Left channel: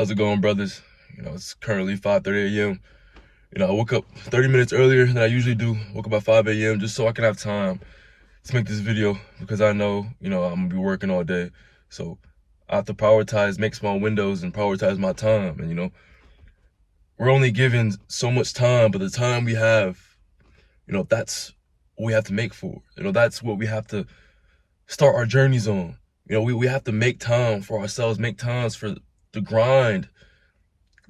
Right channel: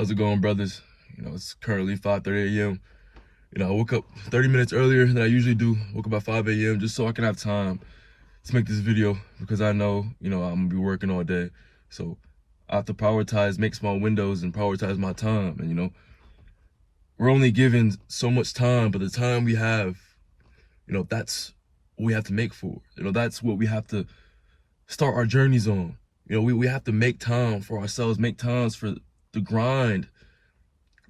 How's it going, brothers? It's currently 5:30 a.m. I woke up 30 minutes earlier than I usually do. Woke up at 5 a.m. just so I can have time to make this video because I know, I'm gonna be working all day. So I have to prioritize, make small windows and prioritize my time. And, we're only given so much time, but the time we have, that's what we have to make for. That's what we have to start our journeys on. We have to make time for ourselves, make times for the grind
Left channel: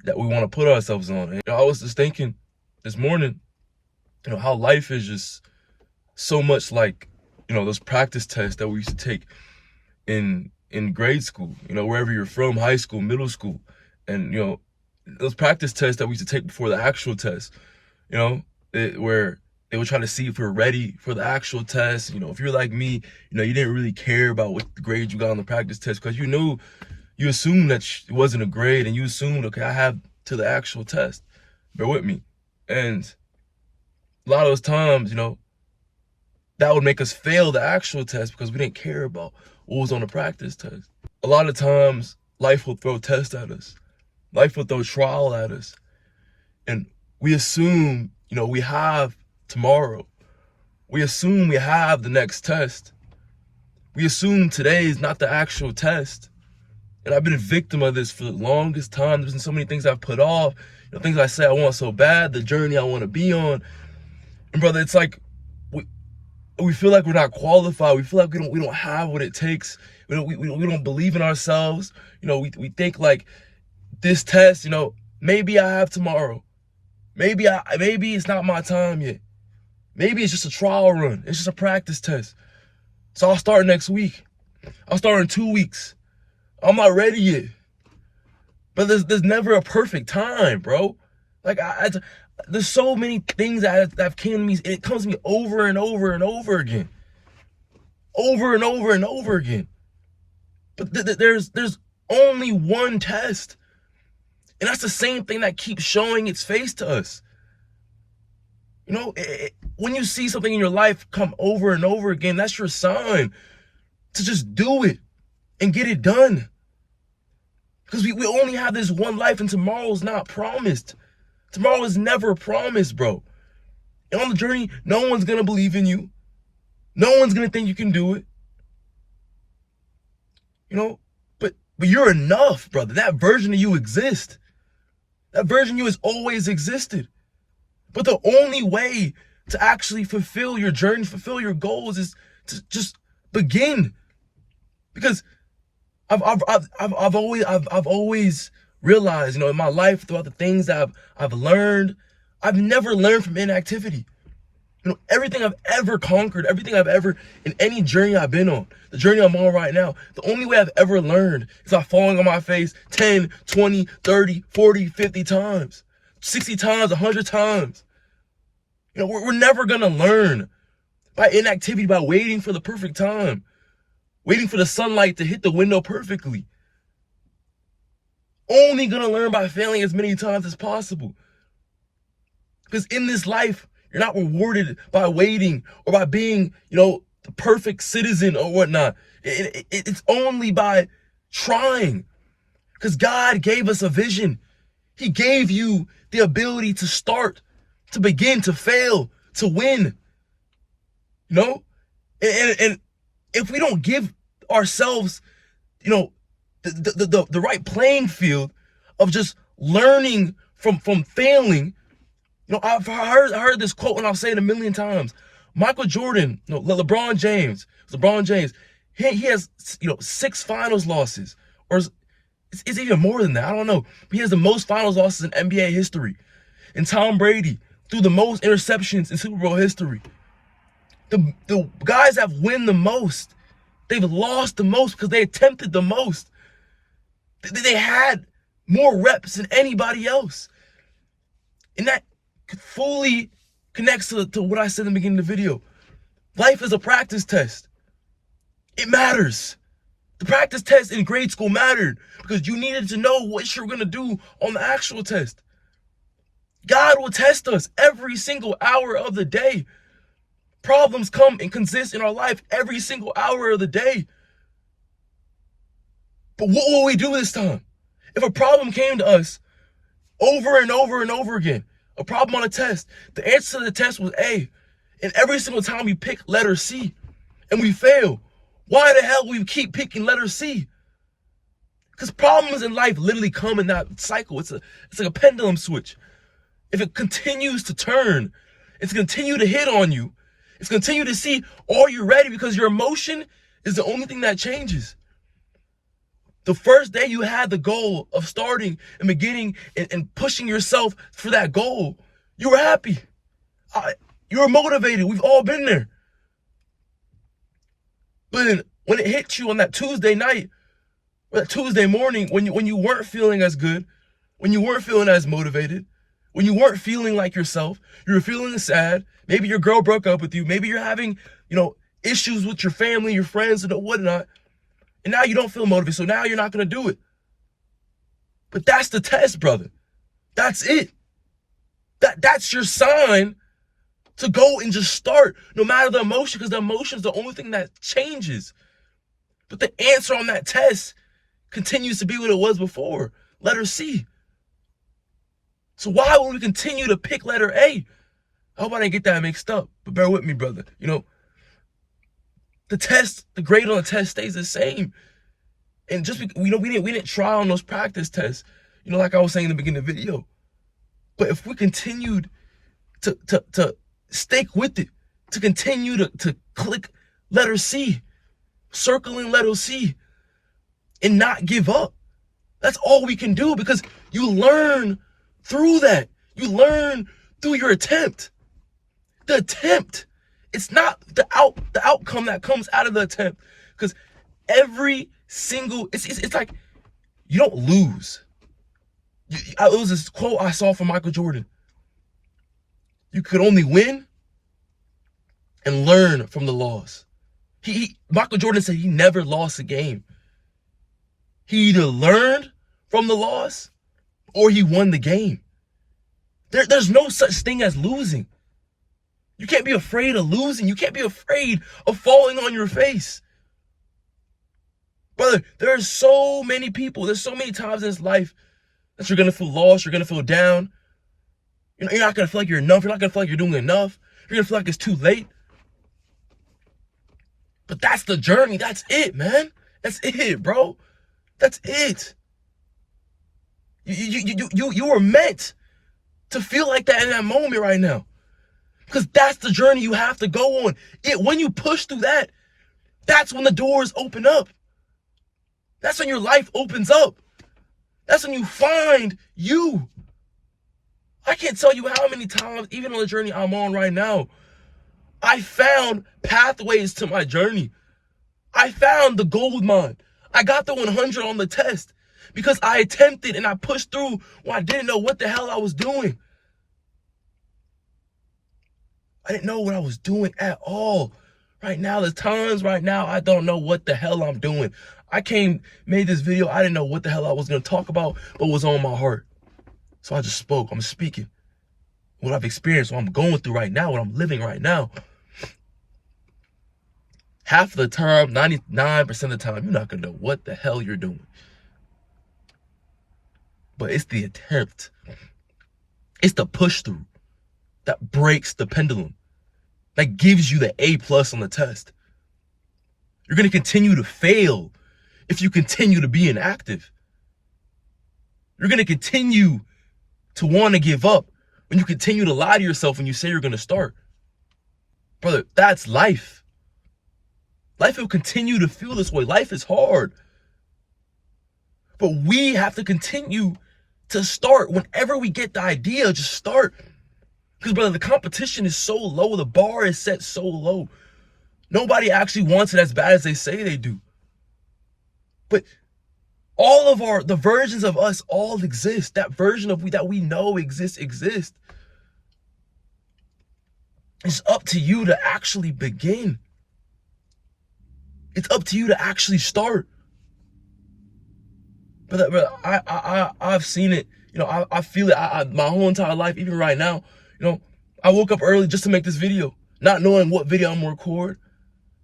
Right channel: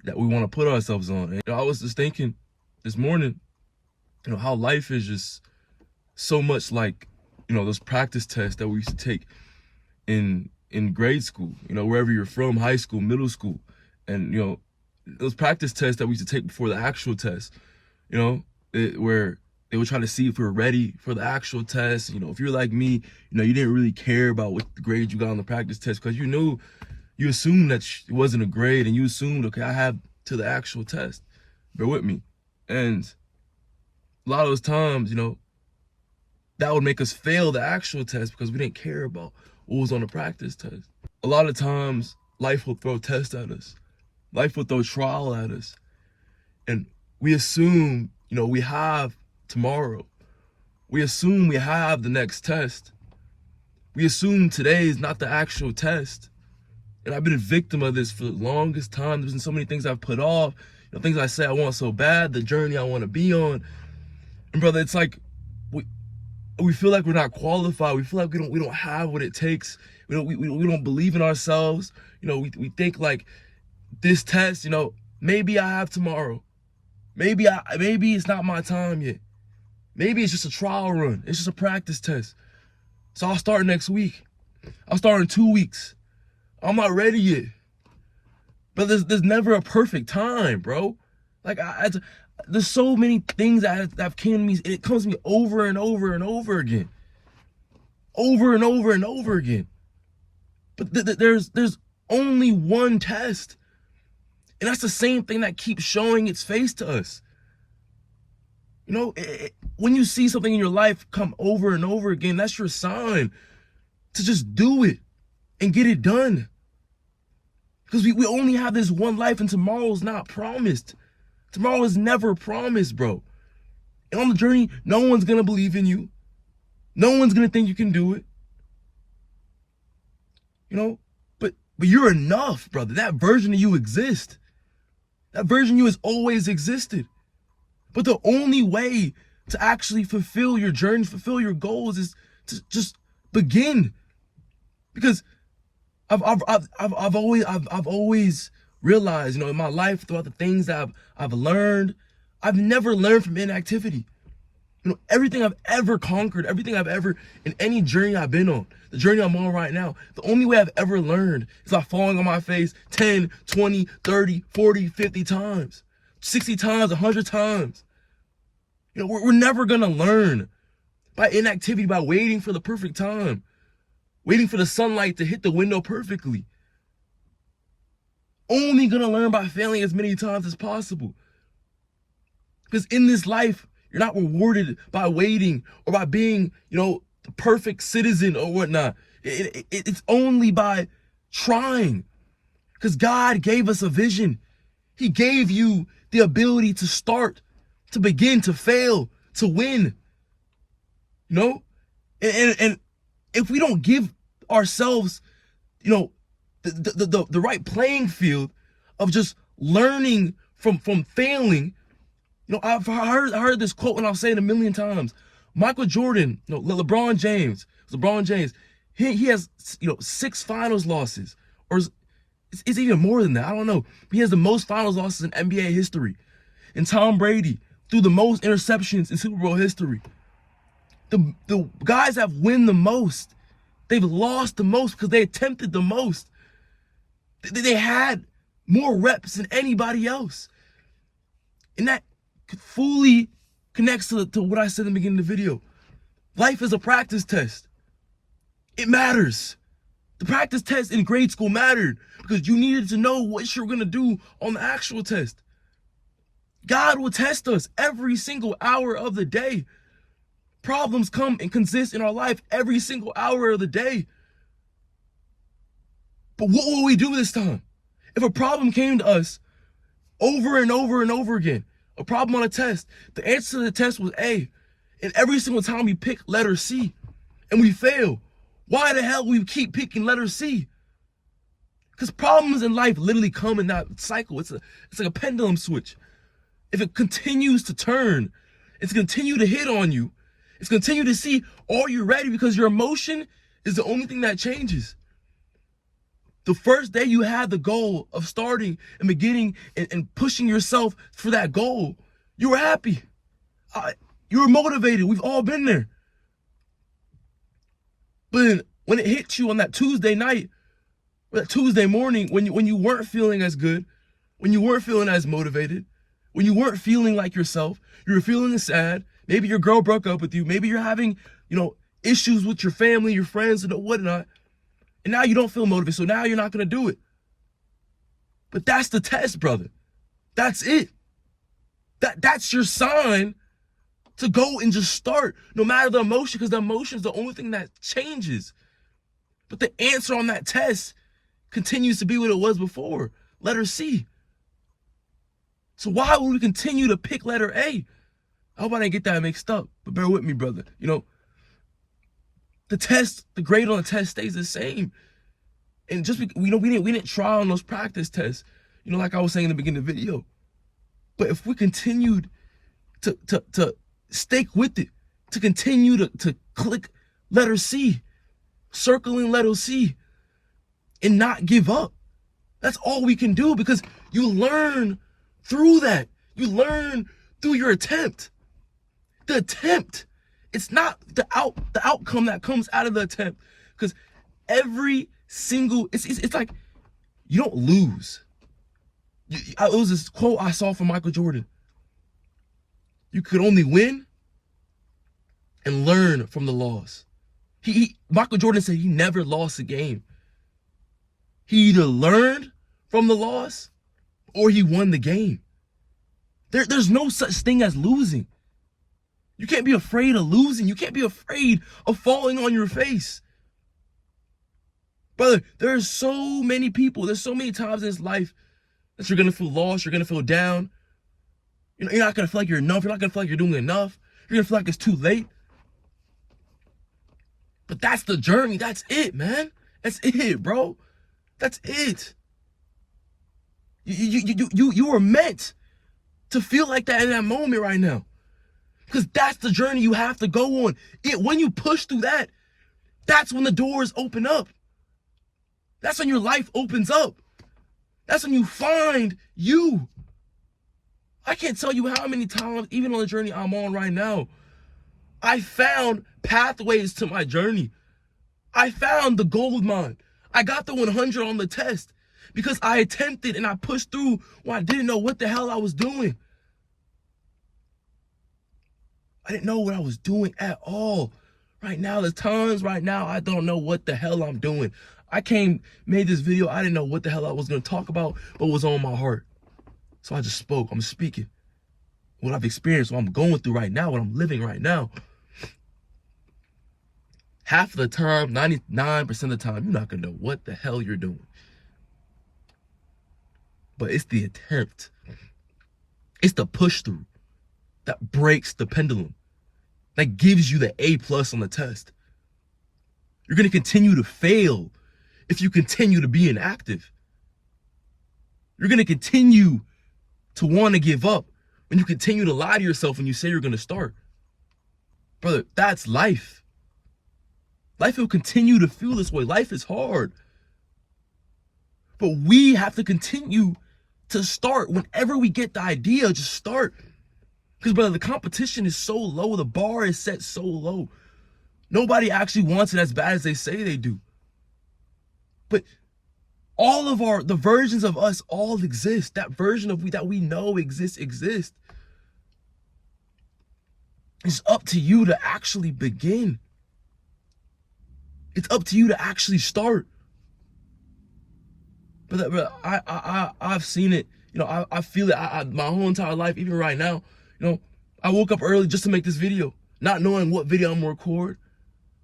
that we want to put ourselves on. And I was just thinking this morning, how life is just so much like, those practice tests that we used to take in grade school, wherever you're from, high school, middle school. And, those practice tests that we used to take before the actual test, where they would try to see if we were ready for the actual test. If you're like me, you didn't really care about what grade you got on the practice test because you assumed that it wasn't a grade and you assumed, okay, I have to the actual test. Bear with me. And a lot of those times, that would make us fail the actual test because we didn't care about what was on the practice test. A lot of times, life will throw tests at us. Life will throw trial at us. And we assume, we have tomorrow. We assume we have the next test. We assume today is not the actual test. And I've been a victim of this for the longest time. There's been so many things I've put off, things I say I want so bad, the journey I want to be on. And brother, it's like we feel like we're not qualified. We feel like we don't have what it takes. We don't believe in ourselves. We think like this test, maybe I have tomorrow. Maybe it's not my time yet. Maybe it's just a trial run. It's just a practice test. So I'll start next week. I'll start in 2 weeks. I'm not ready yet. But there's never a perfect time, bro. Like there's so many things that came to me. It comes to me over and over and over again. Over and over and over again. But there's only one test. And that's the same thing that keeps showing its face to us. When you see something in your life come over and over again, that's your sign to just do it and get it done. Because we only have this one life and tomorrow's not promised. Tomorrow is never promised, bro. And on the journey, no one's going to believe in you. No one's going to think you can do it. But you're enough, brother. That version of you exists. That version of you has always existed. But the only way to actually fulfill your journey, fulfill your goals is to just begin. Because I've always realized, in my life, throughout the things that I've learned, I've never learned from inactivity. Everything I've ever conquered, everything I've ever, in any journey I've been on, the journey I'm on right now, the only way I've ever learned is by falling on my face 10, 20, 30, 40, 50 times, 60 times, 100 times. We're never going to learn by inactivity, by waiting for the perfect time, waiting for the sunlight to hit the window perfectly. Only going to learn by failing as many times as possible. Because in this life, you're not rewarded by waiting or by being, the perfect citizen or whatnot. It's only by trying. Because God gave us a vision. He gave you the ability to start, to begin, to fail, to win. And if we don't give ourselves, the right playing field of just learning from failing. I've heard this quote and I'll say it a million times. Michael Jordan, LeBron James, he has 6 finals losses, or it's even more than that. I don't know. But he has the most finals losses in NBA history. And Tom Brady threw the most interceptions in Super Bowl history. The guys that win the most, they've lost the most because they attempted the most. They had more reps than anybody else. And that fully connects to what I said in the beginning of the video. Life is a practice test. It matters. The practice test in grade school mattered because you needed to know what you're going to do on the actual test. God will test us every single hour of the day. Problems come and consist in our life every single hour of the day. But what will we do this time? If a problem came to us over and over and over again, a problem on a test, the answer to the test was A, and every single time we pick letter C and we fail, why the hell we keep picking letter C? Because problems in life literally come in that cycle. It's like a pendulum switch. If it continues to turn, it's going to continue to hit on you. It's going to continue to see, are you ready? Because your emotion is the only thing that changes. The first day you had the goal of starting and beginning and pushing yourself for that goal, you were happy. You were motivated. We've all been there. But when it hit you on that Tuesday night, or that Tuesday morning, when you weren't feeling as good, when you weren't feeling as motivated, when you weren't feeling like yourself, you were feeling sad, maybe your girl broke up with you, maybe you're having, issues with your family, your friends, and whatnot, and now you don't feel motivated, so now you're not going to do it. But that's the test, brother. That's it. That's your sign to go and just start, no matter the emotion, because the emotion is the only thing that changes. But the answer on that test continues to be what it was before, letter C. So why would we continue to pick letter A? I hope I didn't get that mixed up, but bear with me, brother. The grade on the test stays the same. And just, we didn't try on those practice tests, like I was saying in the beginning of the video. But if we continued to stick with it, to continue to click letter C, circling letter C, and not give up, that's all we can do, because you learn through that. You learn through your attempt. The attempt. It's not the outcome that comes out of the attempt. Because every single, it's like you don't lose. It was this quote I saw from Michael Jordan. You could only win and learn from the loss. Michael Jordan said he never lost a game. He either learned from the loss or he won the game. There's no such thing as losing. You can't be afraid of losing. You can't be afraid of falling on your face. Brother, there are so many people, there's so many times in this life that you're going to feel lost, you're going to feel down. You're not going to feel like you're enough. You're not going to feel like you're doing enough. You're going to feel like it's too late. But that's the journey. That's it, man. That's it, bro. That's it. You were meant to feel like that in that moment right now. Because that's the journey you have to go on. When you push through that, that's when the doors open up. That's when your life opens up. That's when you find you. I can't tell you how many times, even on the journey I'm on right now, I found pathways to my journey. I found the gold mine. I got the 100 on the test because I attempted and I pushed through when I didn't know what the hell I was doing. I didn't know what I was doing at all. Right now, there's times right now I don't know what the hell I'm doing. Made this video, I didn't know what the hell I was going to talk about, but was on my heart. So I just spoke. I'm speaking. What I've experienced, what I'm going through right now, what I'm living right now. Half of the time, 99% of the time, you're not going to know what the hell you're doing. But it's the attempt. It's the push through that breaks the pendulum, that gives you the A+ on the test. You're going to continue to fail if you continue to be inactive. You're going to continue to want to give up when you continue to lie to yourself when you say you're going to start. Brother, that's life. Life will continue to feel this way. Life is hard. But we have to continue to start. Whenever we get the idea, just start. Because, brother, the competition is so low. The bar is set so low. Nobody actually wants it as bad as they say they do. But all of the versions of us all exist. That version of that we know exists. It's up to you to actually begin. It's up to you to actually start. But I've seen it. I feel it. My whole entire life, even right now. I woke up early just to make this video, not knowing what video I'm gonna record,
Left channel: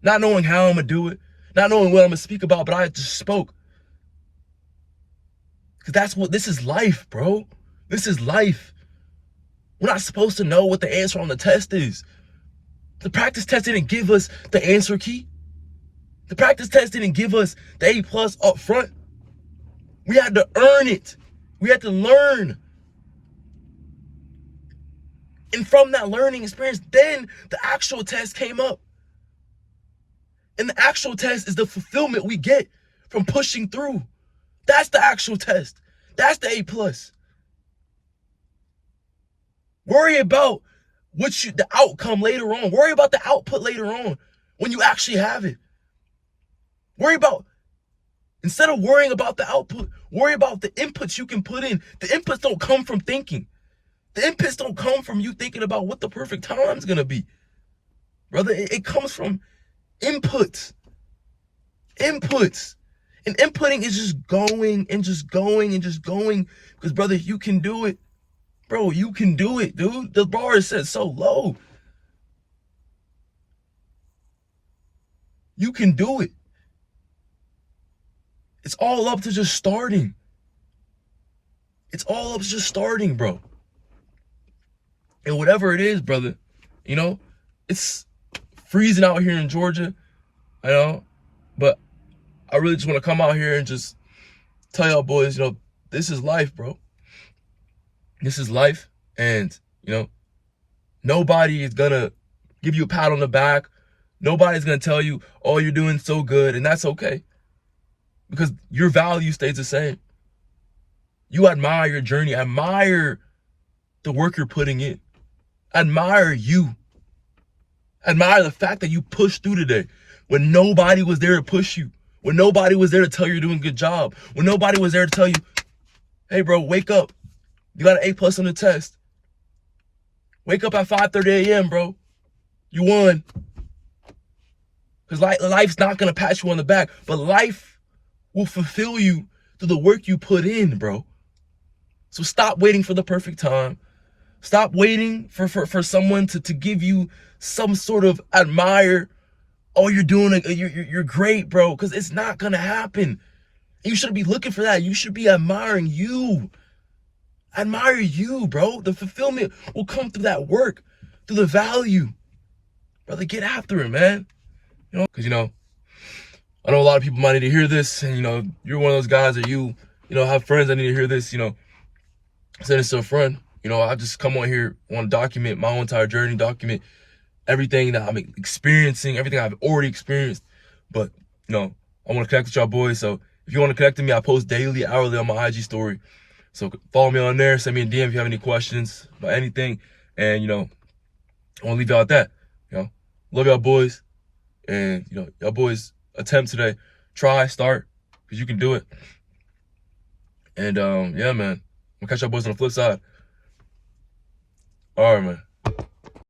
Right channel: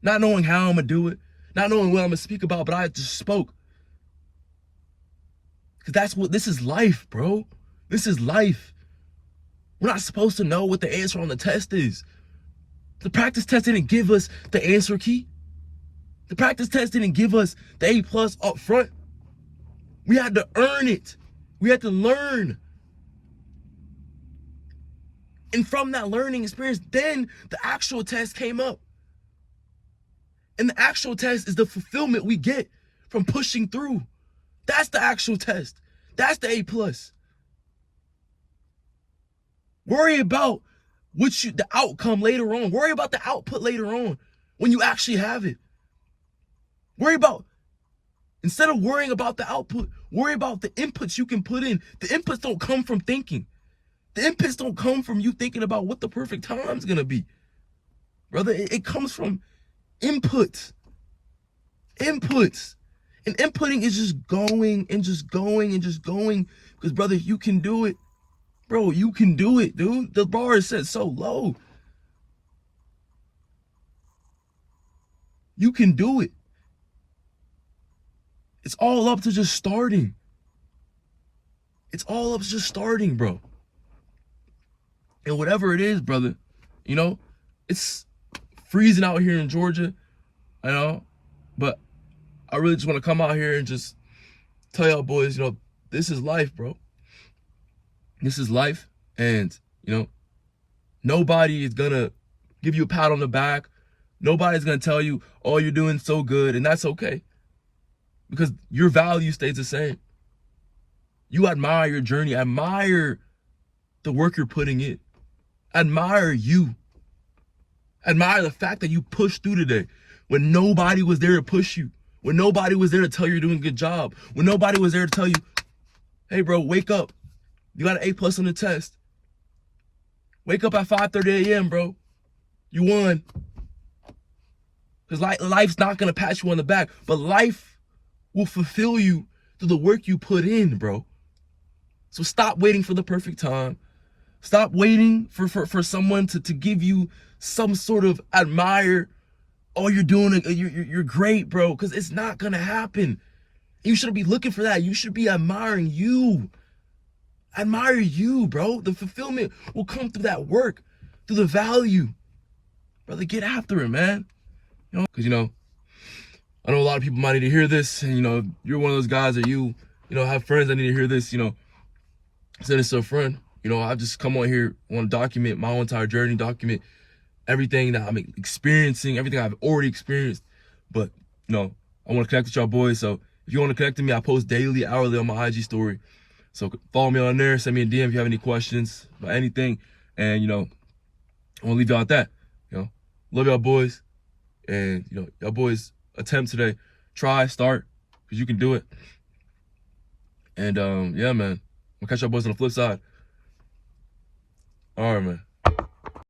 not knowing how I'm gonna do it, not knowing what I'm gonna speak about, but I just spoke. Because this is life, bro. This is life. We're not supposed to know what the answer on the test is. The practice test didn't give us the answer key. The practice test didn't give us the A+ up front. We had to earn it. We had to learn. And from that learning experience, then the actual test came up. And the actual test is the fulfillment we get from pushing through. That's the actual test. That's the A+. Worry about the outcome later on. Worry about the output later on when you actually have it. Instead of worrying about the output, worry about the inputs you can put in. The inputs don't come from thinking. The inputs don't come from you thinking about what the perfect time's gonna be. Brother, it comes from inputs. Inputs. And inputting is just going and just going and just going. Because, brother, you can do it. Bro, you can do it, dude. The bar is set so low. You can do it. It's all up to just starting. It's all up to just starting, bro. And whatever it is, brother, you know, it's freezing out here in Georgia, I know, but I really just want to come out here and just tell y'all boys, you know, this is life, bro. This is life, and, you know, nobody is going to give you a pat on the back. Nobody's going to tell you, oh, you're doing so good, and that's okay. Because your value stays the same. You admire your journey. Admire the work you're putting in. Admire you. Admire the fact that you pushed through today when nobody was there to push you. When nobody was there to tell you you're doing a good job. When nobody was there to tell you, hey, bro, wake up. You got an A+ on the test. Wake up at 5:30 a.m., bro. You won. Because life's not going to pat you on the back, but life will fulfill you through the work you put in, bro. So stop waiting for the perfect time. Stop waiting for someone to give you some sort of admire. Oh, you're doing it. You're great, bro. Because it's not going to happen. You shouldn't be looking for that. You should be admiring you. Admire you, bro. The fulfillment will come through that work, through the value. Brother, get after it, man. You know, because, you know, I know a lot of people might need to hear this, and, you know, you're one of those guys that you know, have friends that need to hear this, you know, send it to a friend. You know, I just come on here, want to document my whole entire journey, document everything that I'm experiencing, everything I've already experienced. But, you know, I want to connect with y'all boys. So if you want to connect with me, I post daily, hourly on my IG story. So follow me on there, send me a DM if you have any questions about anything. And, you know, I want to leave y'all at that. You know, love y'all boys. And, you know, y'all boys attempt today. Try, start, because you can do it. And, yeah, man. I'll catch y'all boys on the flip side. All right, man.